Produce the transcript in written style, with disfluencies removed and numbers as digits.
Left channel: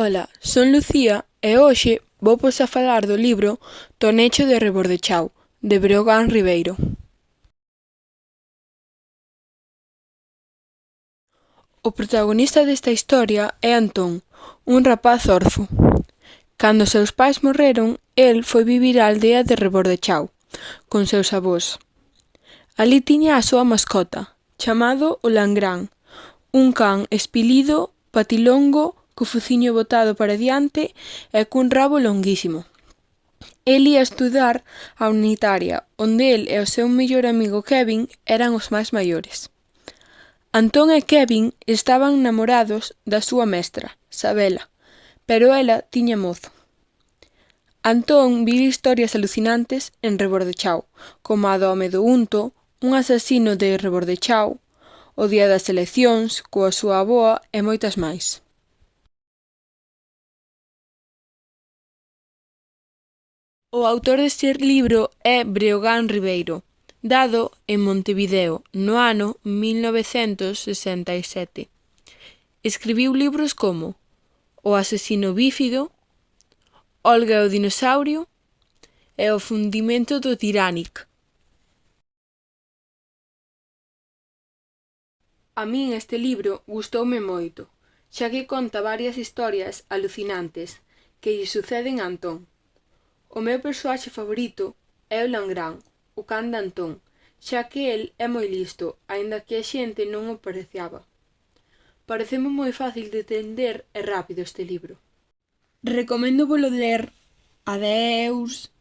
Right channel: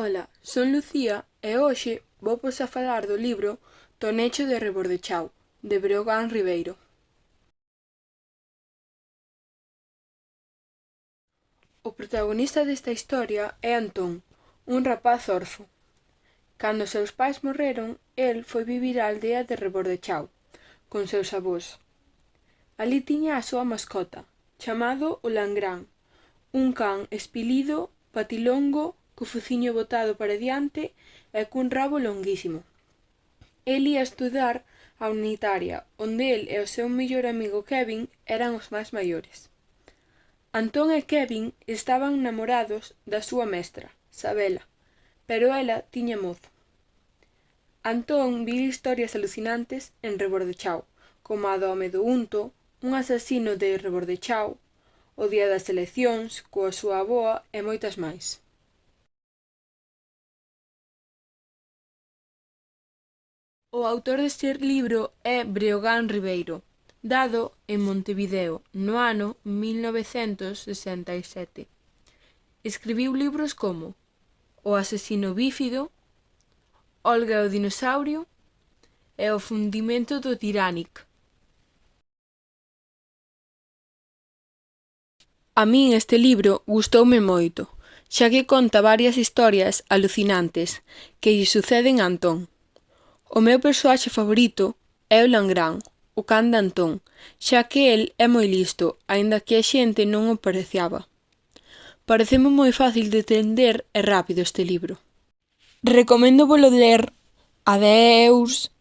Ola, son Lucía e hoxe vouvos a falar do libro Tonecho de Rebordechau, de Breogán Ribeiro. O protagonista desta historia é Antón, un rapaz orfo. Cando seus pais morreron, el foi vivir á aldea de Rebordechau, con seus avós. Alí tiña a súa mascota, chamado o Langrán, un can espilido, patilongo, co fociño botado para diante e cun rabo longuísimo. El ía estudar á unitaria, onde el e o seu mellor amigo Kevin eran os máis maiores. Antón e Kevin estaban namorados da súa mestra, Sabela, pero ela tiña mozo. Antón vive historias alucinantes en Rebordechau, como a do home do unto, un asasino de Rebordechau, o día das eleccións, coa súa avoa e moitas máis. O autor deste libro é Breogán Ribeiro, dado en Montevideo no ano 1967. Escribiu libros como O asesino bífido, Olga e o dinosaurio e O fundimento do Titanic. A min este libro gustoume moito, xa que conta varias historias alucinantes que lle suceden a Antón. O meu persoaxe favorito é o Langrán, o can de Antón, xa que el é moi listo, aínda que a xente non o pareciaba. Pareceme moi fácil de entender e rápido este libro. Recoméndovolo ler. Adeus.